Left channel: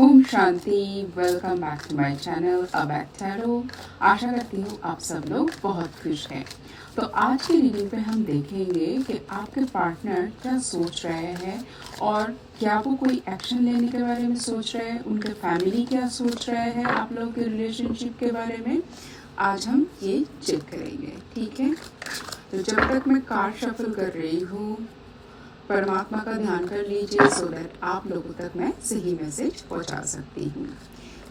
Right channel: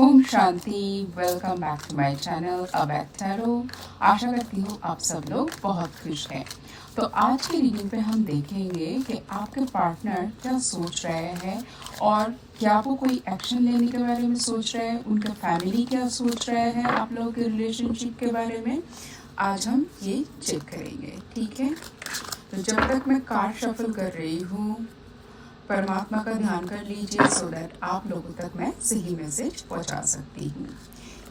ओम शांति। Welcome back to my channel अबैक tarot. आशा करती हूँ आप सब लोग बहुत खुश हैं। तो आज की रीडिंग पे हम देखेंगे कि आपके पार्टनर क्या सोच रहे हैं और क्या वो कोई एक्शन लेने के बारे में सोच रहे हैं, उनके फैमिली क्या सोच रहे हैं आप लोगों के रिलेशनशिप के बारे में आज हम ये चेक करेंगे। ठीक है, तो जब तक मैं कार्ड शफल कर रही हूँ परमात्मा का ध्यान कर लीजिए सो दैट आप लोगों तक मैं सही मैसेज पहुंचा सकती हूँ।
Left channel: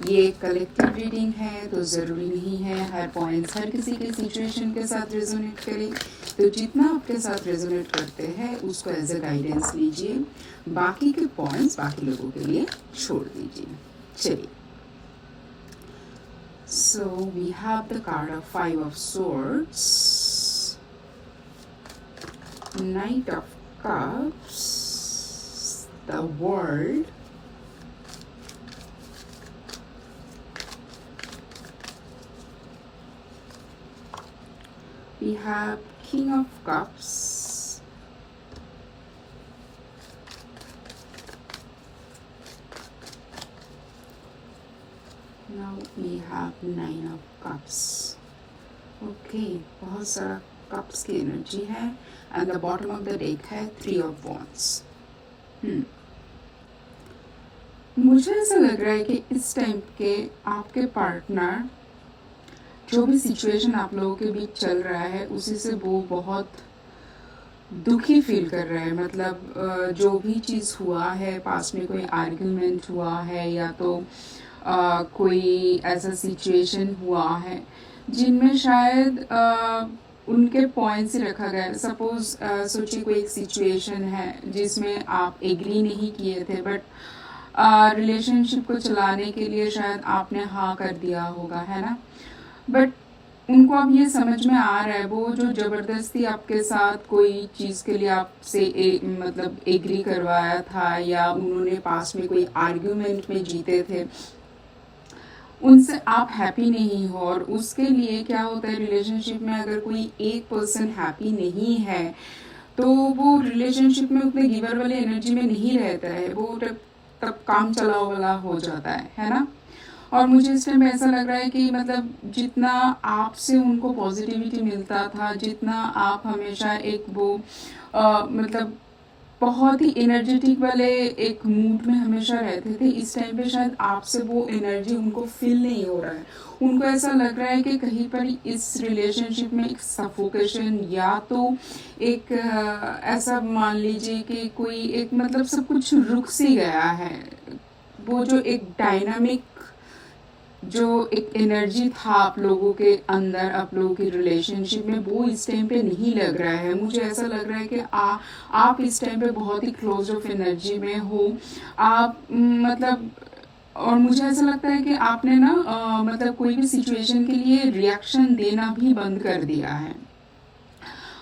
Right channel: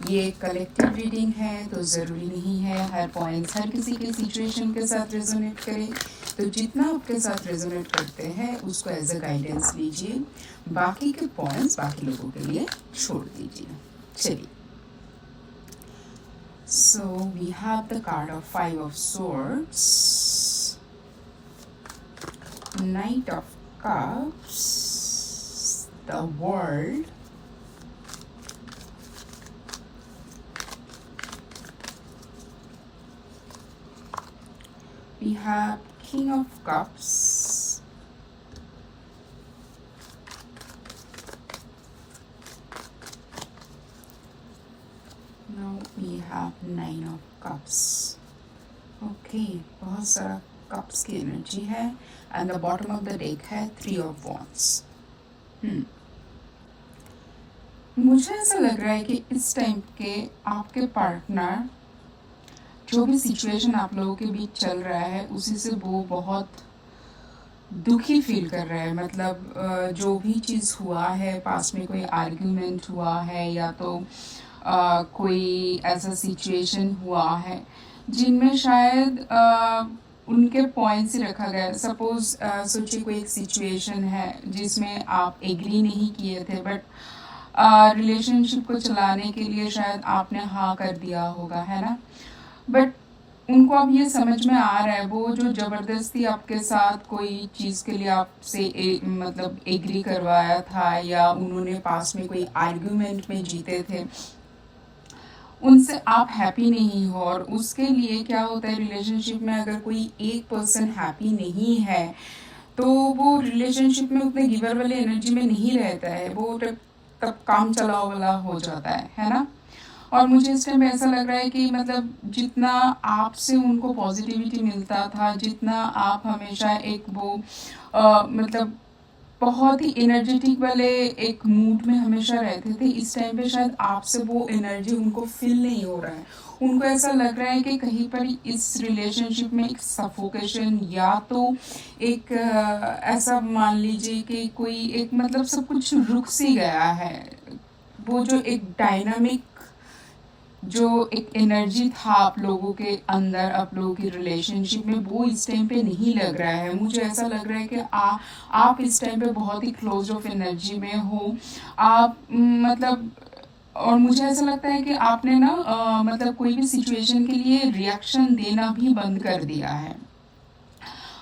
ये कलेक्टिव रीडिंग है तो ज़रूरी नहीं है हर पॉइंट्स हर किसी की सिचुएशन के साथ रेजोनेट करे। तो जितना आपके साथ रेजोनेट करते हैं उसको एज अ गाइडेंस लीजिए, बाकी के पॉइंट्स बाकी लोगों के लिए छोड़ दीजिए। चलिए, so we have the card of 5 of swords, Knight of Cups, the World, we have King of Cups, now we have Nine of Cups. Okay, बहुत सारा कप्स की एनर्जी है and the bottom of the deck है 3 of wands. मुझे ऐसा लग रहा है कि इस टाइम के आपके पार्टनर जो भी सिचुएशन आप लोगों के बीच चल रहा है उसी से वो बहुत दुखी फील कर रहे हैं। मतलब जो भी चीज़ हुआ है, पास में कोई आर्ग्यूमेंट हुआ है या तो कोई ऐसा सिचुएशन हुआ है जिनमें शायद उनके पॉइंट्स ही रखा गया। सपोज सोचिए कोई एक सिचुएशन है जिसमें आप एग्री नहीं किए थे बट रिलेशनशिप को चलाने के लिए शायद आपने हाँ कर दिया होगा, है ना। बट उनको अब ये समझ में आ रहा है वो जो जबरदस्ती आपके साथ कोई चीज़ के लिए आपसे मतलब एग्री करवाया था या उन्होंने पास में कोई आर्ग्यूमेंट में जीते थे, उनसे आप हैप्पी नहीं हो। और उसके लिए क्या होता है, रिलेशनशिप में अगर कोई एक पर्सन हैप्पी नहीं है तो वो रिलेशनशिप में उतने गिवर वाली एनर्जी में नहीं रहता है, वो तब काम चलाओ वाला हो जाता है ना। और मुझे इस टाइम ऐसा लग रहा है कि मतलब जितना आपसे उनको पॉजिटिविटी मिलता था, जितना आप हमेशा एक वो मतलब बहुत ही एनर्जेटिक वाले एक मूड में हमेशा रहते थे, इस टाइम पे शायद आपसे वो एनर्जी उनको फील नहीं हो रहा है। उनको ऐसा लग रहा है कि कहीं पर इस रिलेशनशिप में एक सफोकेशन या तो एक ऐसा मान लीजिए कि कोई एक मतलब सब कुछ रुक सी गया है। वो जो एक डायनामिक जो एक एनर्जी था आप लोगों के अंदर, आप लोगों की रिलेशनशिप में, वो इस टाइम पे नहीं लग रहा है। मुझे ऐसा लग रहा है कि आप इस टाइम पे बहुत ही क्लोज ऑफ एनर्जी में हो आप मतलब। और मुझे ऐसा लगता है कि आपने ना मतलब कोई भी सिचुएशन के लिए रिएक्शन देना भी बंद कर दिया है।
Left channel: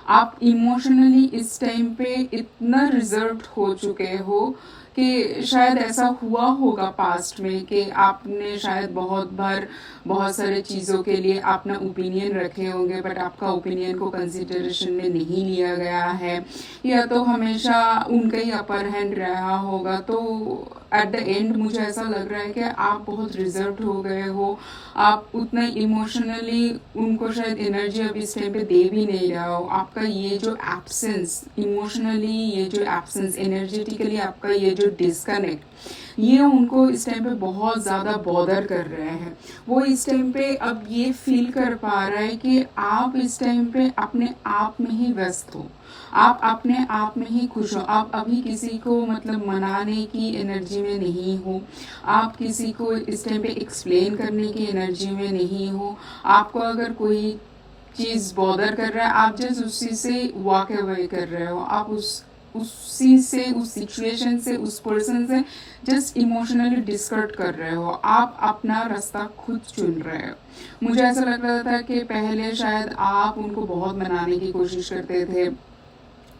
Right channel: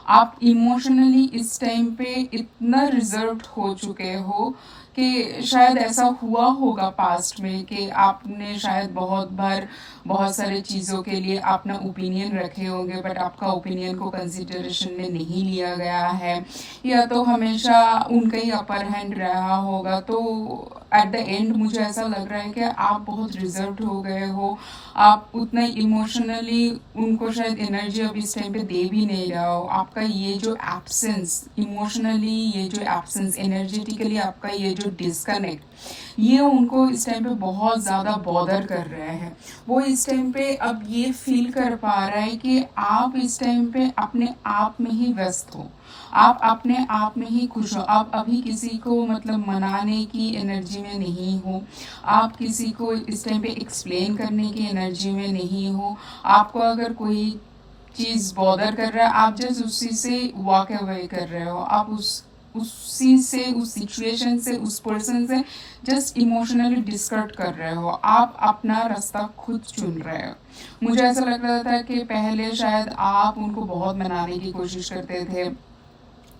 आप इमोशनली इस टाइम पे इतना रिजर्व हो चुके हो कि शायद ऐसा हुआ होगा पास्ट में कि आपने शायद बहुत बार बहुत सारे चीज़ों के लिए अपना ओपिनियन रखे होंगे बट आपका ओपिनियन को कंसिडरेशन में नहीं लिया गया है, या तो हमेशा उनका ही अपर हैंड रहा होगा। तो एट द एंड मुझे ऐसा लग रहा है कि आप बहुत रिजर्व हो गए हो, आप उतना इमोशनली उनको शायद एनर्जी अब इस टाइम पे दे भी नहीं रहा हो। आपका ये जो एब्सेंस इमोशनली, ये जो एब्सेंस एनर्जेटिकली, आपका ये जो डिस्कनेक्ट, ये उनको इस टाइम पे बहुत ज़्यादा बॉदर कर रहे हैं। वो इस टाइम पे अब ये फील कर पा रहा है कि आप इस टाइम पे अपने आप में ही व्यस्त हो, आप अपने आप में ही खुश हो, आप अभी किसी को मतलब मनाने की एनर्जी में नहीं हो, आप किसी को इस टाइम पे एक्सप्लेन करने की एनर्जी में नहीं हो। आपको अगर कोई चीज़ बॉदर कर रहा है, आप जस्ट उसी से वॉक अवे कर रहे हो, आप उसी से, उस सिचुएशन से, उस पर्सन से जस्ट इमोशनली डिस्कनेक्ट कर रहे हो, आप अपना रास्ता खुद चुन रहे हो। मुझे ऐसा लग रहा था कि पहले शायद आप उनको बहुत मनाने की कोशिश करते थे,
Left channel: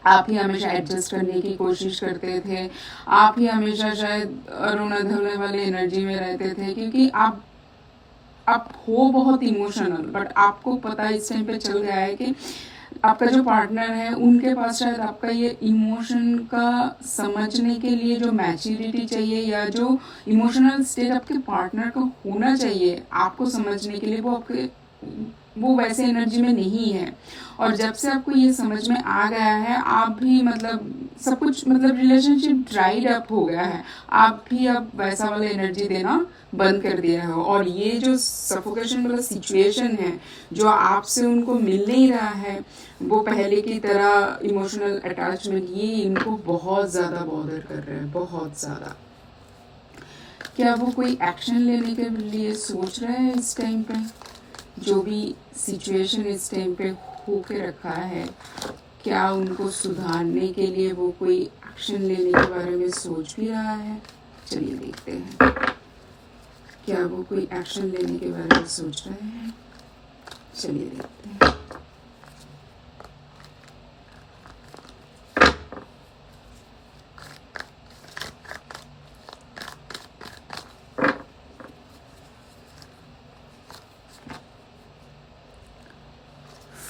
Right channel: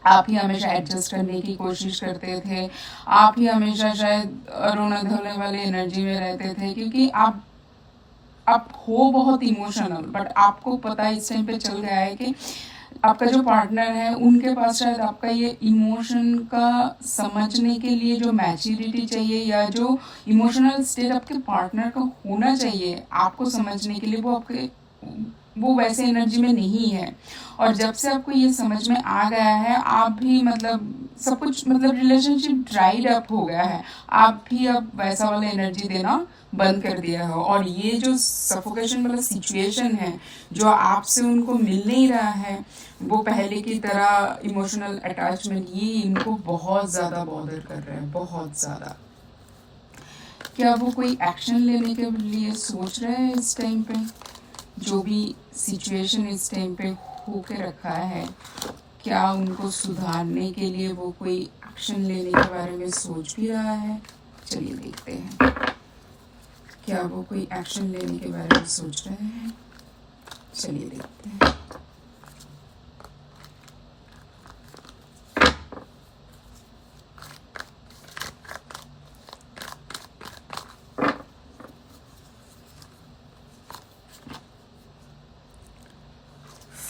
आप ही हमेशा एडजस्ट करने की कोशिश करते थे, आप ही हमेशा शायद रोने धोने वाली एनर्जी में रहते थे, क्योंकि आप हो बहुत इमोशनल। बट आपको पता इस टाइम पे चल गया है कि आपका जो पार्टनर है उनके पास शायद आपका ये इमोशन का समझने के लिए जो मैच्योरिटी चाहिए या जो इमोशनल स्टेट आपके पार्टनर का होना चाहिए आपको समझने के लिए, वो वैसे एनर्जी में नहीं है। और जब से आपको ये समझ में आ गया है, आप भी मतलब सब कुछ मतलब रिलेशनशिप ड्राइड अप हो गया है, आप भी अब वैसा वाला एनर्जी देना बंद कर दिया है। और ये जो सफोकेशन वाला सिचुएशन है जो आपसे उनको मिल नहीं रहा है, वो पहले की तरह इमोशनल अटैचमेंट, ये इनको बहुत ज़्यादा बॉदर कर रहा है, बहुत ज़्यादा। क्या वो कोई एक्शन लेने के लिए सोच रहे हैं इस टाइम पे? जो भी सिचुएशन इस टाइम पे होके रखा है, क्या उनको सुधारने के लिए वो कोई एक्शन लेने के बारे में सोच भी रहा है? चलिए देखते हैं, क्या वो कोई एक्शन लेने के बारे में सोच रहे हैं? चलिए देखते हैं।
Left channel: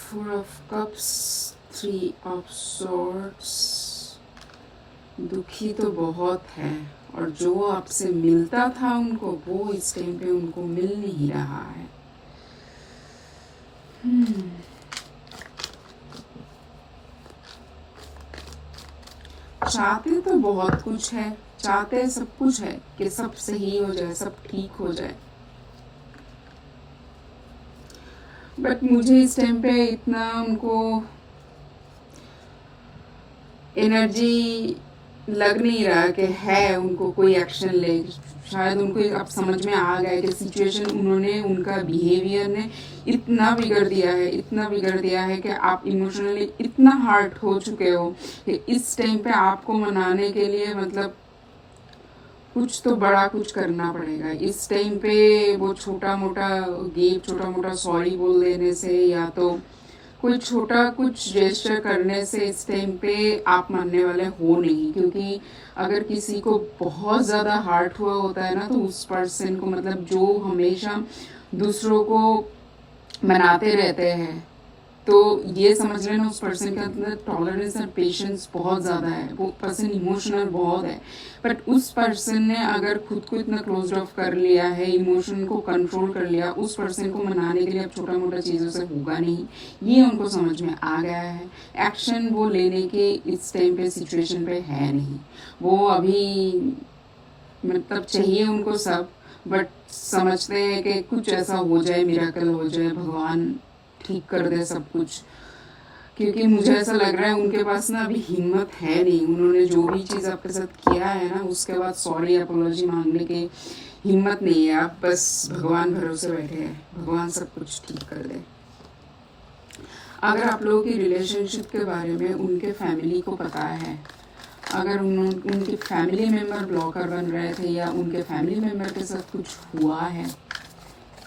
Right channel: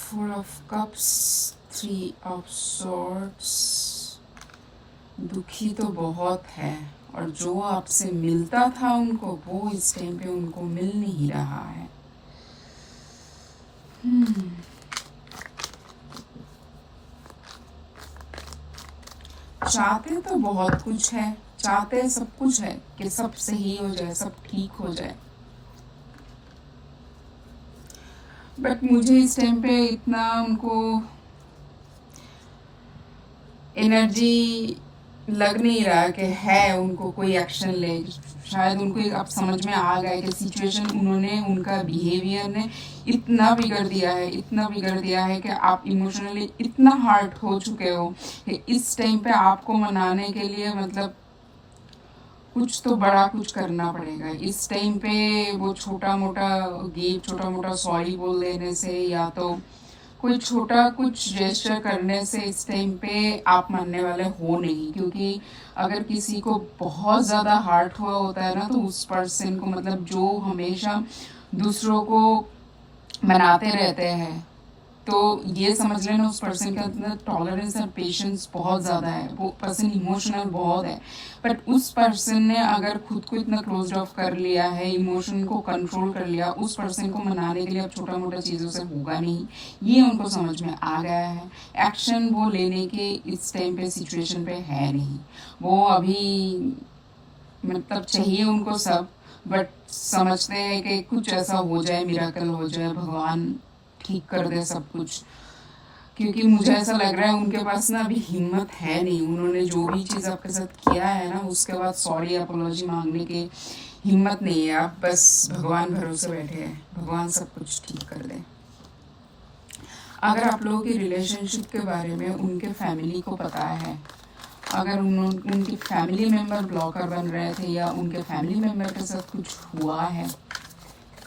Four of Cups, Three of Swords। दुखी तो बहुत है, और जो आपसे मिलता था उनको, वो इस टाइम पे उनको मिल नहीं रहा है। चाहते तो बहुत कुछ है, चाहते सब कुछ है कि सब सही हो जाए, सब ठीक हो जाए, बट मुझे इस टाइम पे इतना उनको एनर्जी लग नहीं रहा कि है उनको कोई एक्शन ले। शायद उनको अब समझ में आ गया कि सिचुएशन उन्होंने, उनका बिहेवियर ने इतना बिगड़ दिया है, इतना बिगड़ दिया है कि आप इमोशनली इतना हर्ट हो चुके हो कि इस टाइम पे आपको मनाने के लिए मतलब कुछ तो बड़ा कुछ करना पड़ेगा। इस टाइम पे वो छोटा मोटा गिफ्ट, छोटा मोटा सॉरी बोल देने से या तो कोई छोटा कुछ जेस्चर करने से इस टाइम पे आप मानने वाले हो नहीं। क्योंकि अगर किसी को बहुत ज़्यादा हार्ट हुआ होता है ना, तो उस पर्सन को मतलब जो हमेशा दूसरों को मनाते रहते हैं, तो ये समझ लेना उस पर्सन के अंदर टॉलरेंस और पेशेंस बहुत ज़्यादा है, वो पर्सन इमोशनल बहुत है। बट उस पर्सन ने अगर खुद को इतना क्लोज ऑफ कर लिया है, इमोशन को कंट्रोल कर लिया, उस पर्सन को मनाने के लिए अब छोटा मोटा चीज़ों से होगा नहीं, ये उनको समझ में आ गया है। एक्शन वो लेने के इस टाइम पे सिचुएशन पे है नहीं, वो अभी मतलब चाहिए उनको सब, बट समझते हैं कि कुछ ऐसा हो जाए, मिरेकल हो जाए, भगवान ठीक कर दे सब कुछ। क्योंकि मुझे ऐसा लग रहा है उनके पास ना अभी हिम्मत है नहीं, उन्होंने जो भी चीज़ आपके साथ किया है ना, उसके बाद सॉरी अपोलॉजी मांगने की हिम्मत नहीं है। आप बस भगवान भरोसे बैठे हैं, भगवान सब कुछ ठीक कर दे। अगर आप लोगों की रिलेशनशिप के बारे में उनके फैमिली को पता है, अगर उनके फैमिली मेम्बर ब्लॉकर बन रहे थे या उनके फैमिली मेम्बर के साथ कुछ हुआ है,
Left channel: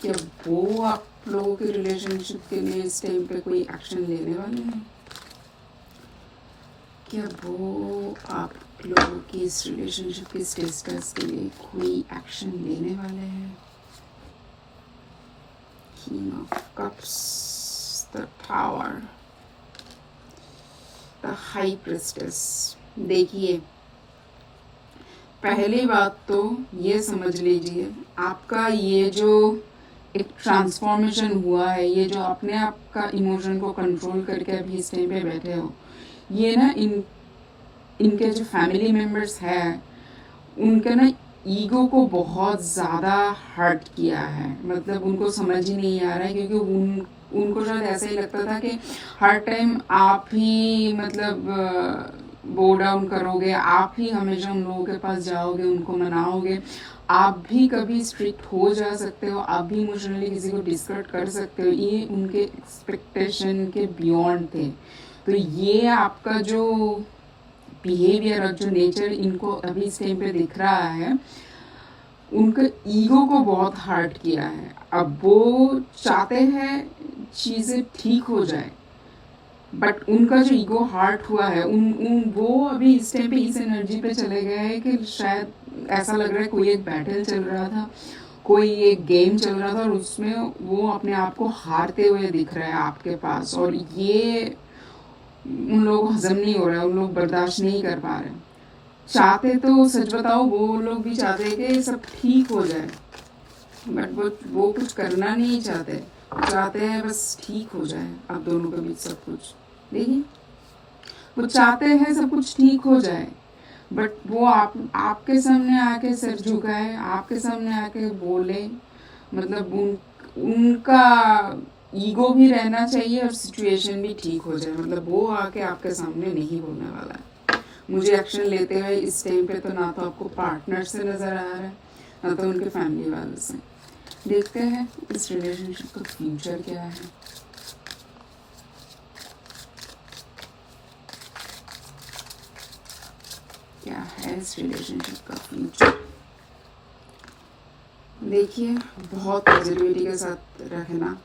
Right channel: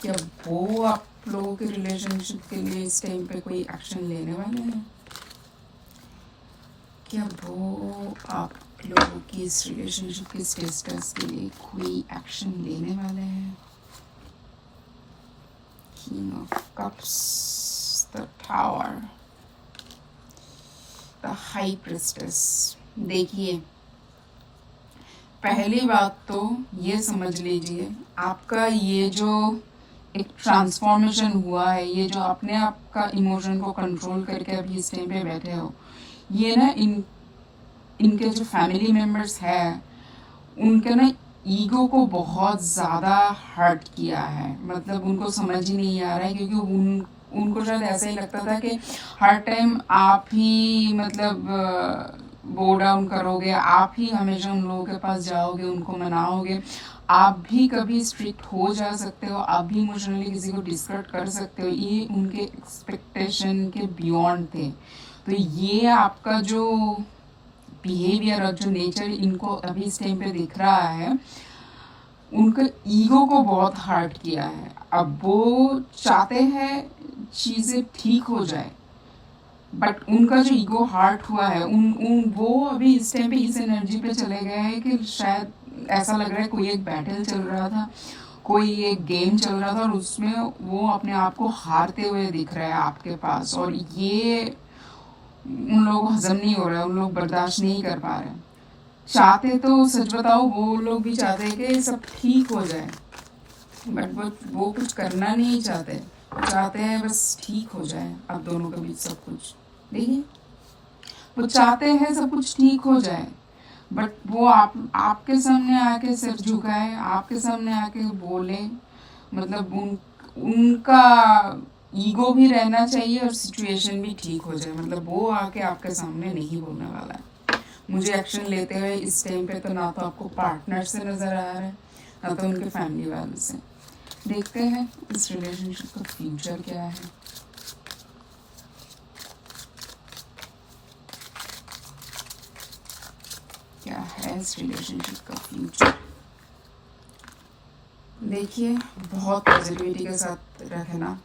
क्या वो आप लोगों के रिलेशनशिप के लिए इस टाइम पे कोई एक्शन लेने वाले हैं? क्या वो आप लोगों की इस रिलेशनशिप के स्टेटस के लिए कोई एक्शन लेने वाले हैं? King of Cups, the Tower, the High Priestess। देखिए, पहली बात तो ये समझ लीजिए, आपका ये जो एक ट्रांसफॉर्मेशन हुआ है, ये जो आपने आपका इमोशन को कंट्रोल करके अभी इस टाइम पे बैठे हो, ये ना इनके जो फैमिली मेम्बर्स हैं उनके ना ईगो को बहुत ज़्यादा हर्ट किया है। मतलब उनको समझ ही नहीं आ रहा है, क्योंकि उनको शायद ऐसा ही लगता था कि हर टाइम आप ही मतलब बो डाउन करोगे, आप ही हमेशा उन लोगों के पास जाओगे, उनको मनाओगे, आप भी कभी स्ट्रिक्ट हो जा सकते हो, आप भी इमोशनली किसी को डिस्करेक्ट कर सकते हो। ये उनके एक्सपेक्टेशन के बियॉन्ड थे। तो ये आपका जो बिहेवियर और जो नेचर इनको अभी इस टाइम पे दिख रहा है, उनका ईगो को बहुत हर्ट किया है। अब वो चाहते हैं चीज़ें ठीक हो जाए, बट उनका जो ईगो हार्ट हुआ है, वो अभी इस टाइम पे इस एनर्जी पे चले गए हैं कि शायद ऐसा लग रहा है कोई एक बैटल चल रहा था, कोई एक गेम चल रहा था, और उसमें वो अपने आप को हारते हुए दिख रहा है आपके पास। और ये उन लोगों को हजम नहीं हो रहा है, उन लोग बर्दाश्त नहीं कर पा रहे। चाहते तो सच बताओ वो लोग भी चाहते हैं कि सब ठीक हो जाए, बट वो कुछ करना नहीं चाहते, चाहते हैं बस ठीक हो जाए आप दोनों के बीच सब कुछ। देखिए वो चाहते हैं सब कुछ ठीक हो जाए, बट वो आपके सामने आके सर झुकाए, आपके सामने आके बोले, मतलब उनका ईगो भी रहना चाहिए और सिचुएशन भी ठीक हो जाए। मतलब वो आके आपके सामने नहीं बोलने वाला है मुझे एक्शन लेते हुए इस टाइम पे, तो ना तो आपको पार्टनर से नजर आ रहा है ना तो उनके फैमिली वालों से। देखते हैं इस रिलेशनशिप का फ्यूचर क्या है। क्या है इस रिलेशनशिप का फ्यूचर। देखिए बहुत पॉजिटिविटी के साथ रखना,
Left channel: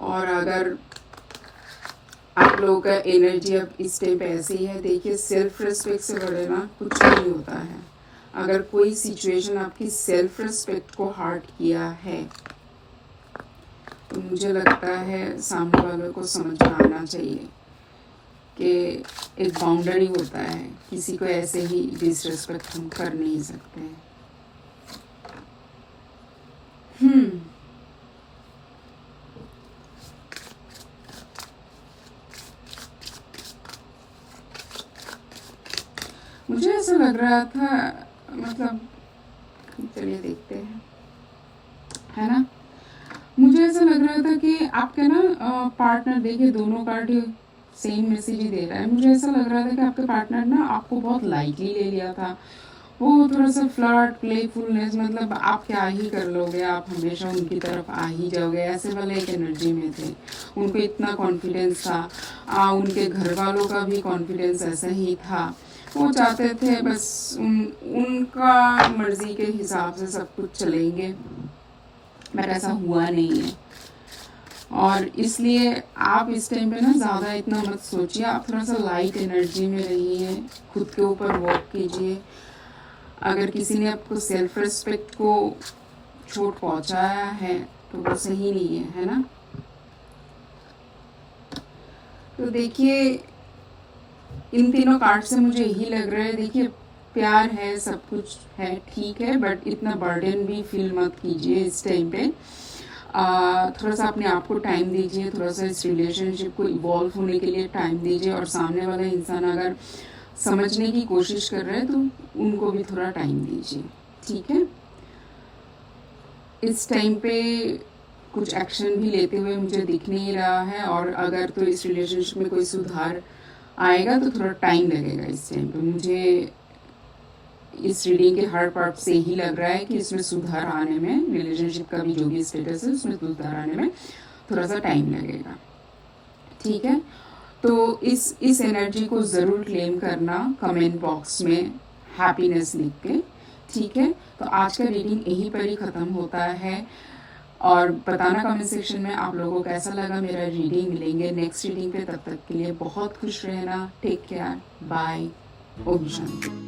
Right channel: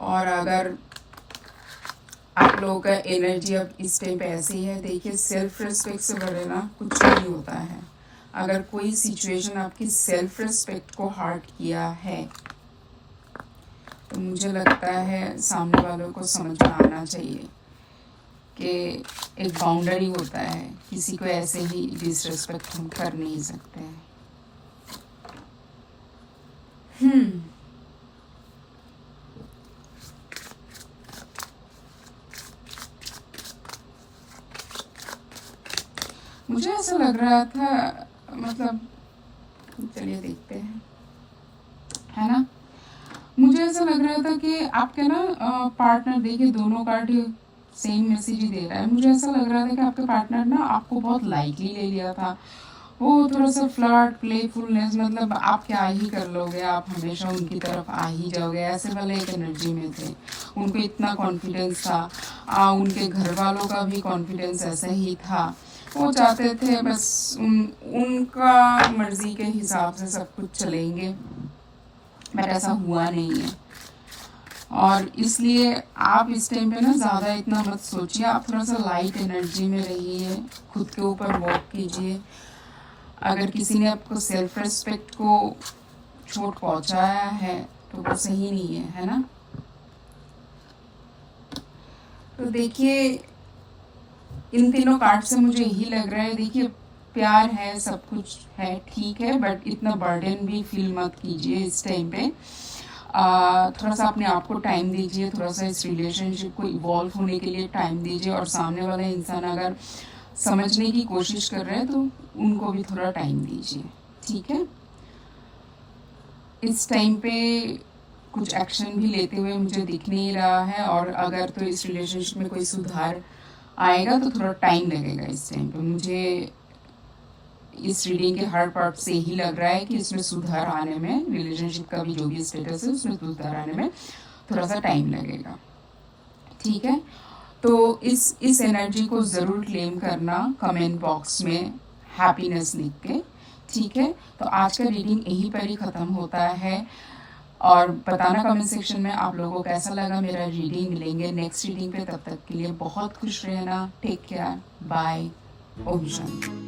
और अगर आप लोगों का एनर्जी अब इस टाइम पे ऐसी है, देखिए सेल्फ रिस्पेक्ट से बड़े ना कुछ नहीं होता है। अगर कोई सिचुएशन आपकी सेल्फ रिस्पेक्ट को हर्ट किया है तो मुझे लगता है सामने वालों को समझ में आना चाहिए कि एक बाउंड्री होता है, किसी को ऐसे ही डिसरिस्पेक्ट हम कर नहीं सकते हैं। मुझे ऐसा लग रहा था, मतलब चलिए देखते हैं, है ना। मुझे ऐसा लग रहा था कि आपके ना पार्टनर, देखिए दोनों कार्ड सेम मैसेज ही दे रहा है। मुझे ऐसा लग रहा था कि आपके पार्टनर ना आपको बहुत लाइटली ले लिया था। वो थोड़ा सा फ्लर्ट, प्लेफुलनेस, मतलब आप क्या ही कर लोगे, आप हमेशा उनकी तरफ आ ही जाओगे, ऐसे वाले एक एनर्जी में थे। उनको इतना कॉन्फिडेंस था, उनके घर वालों का भी कॉन्फिडेंस ऐसा ही था। वो चाहते थे बस उनका मर्जी के हिसाब से सब कुछ चलेंगे, बट ऐसा हुआ नहीं है। और इसलिए आप इस टाइम पे ना ज़्यादा इतना मत सोचिए, आप थोड़ा सा लाइट एनर्जी में रहिए, खुद के ऊपर वर्क कीजिए। अगर किसी ने आपको सेल्फ रिस्पेक्ट को चोट पहुंचाया है तो वो सही नहीं है ना। तो देखिए इन तीनों कार्ड से मुझे यही लग रहा है, देखिए प्यार है, सब कुछ है, ठीक है, बट इतना बर्डन भी फील मत कीजिए इस टाइम पे। थोड़ा सा अपने आप को टाइम दीजिए, थोड़ा सा इस रिलेशनशिप को इवॉल्व होने के लिए टाइम दीजिए, और सामने वाला इंसान अगर समझने की कोशिश कर रहे हैं तो उनको भी थोड़ा टाइम दीजिए, ठीक है। इस टाइम पे कुछ एक्शन भी लेते हुए मुझे दिख नहीं रहा है, और अगर तो इस रिलेशनशिप में कोई सुधार आएगा तो थोड़ा टाइम लगेगा इस टाइम पे। मुझे इस रीडिंग के हर पार्ट से ही लग रहा है कि इसमें सुधार आने में, रिलेशनशिप का भी जो भी स्टेटस है उसमें सुधार आने में थोड़ा सा टाइम लगेगा, ठीक है। तो इस एनर्जी को ज़रूर क्लेम करना कमेंट बॉक्स में हैप्पीनेस लिख के, ठीक है। तो आज का रीडिंग यहीं पर ही ख़त्म होता है, और बताना कमेंट सेक्शन में आप लोगों को कैसा लगा मेरा रीडिंग। मिलेंगे नेक्स्ट रीडिंग पे, तब तक के लिए बहुत खुश रहना, take care, bye, Om Shanti.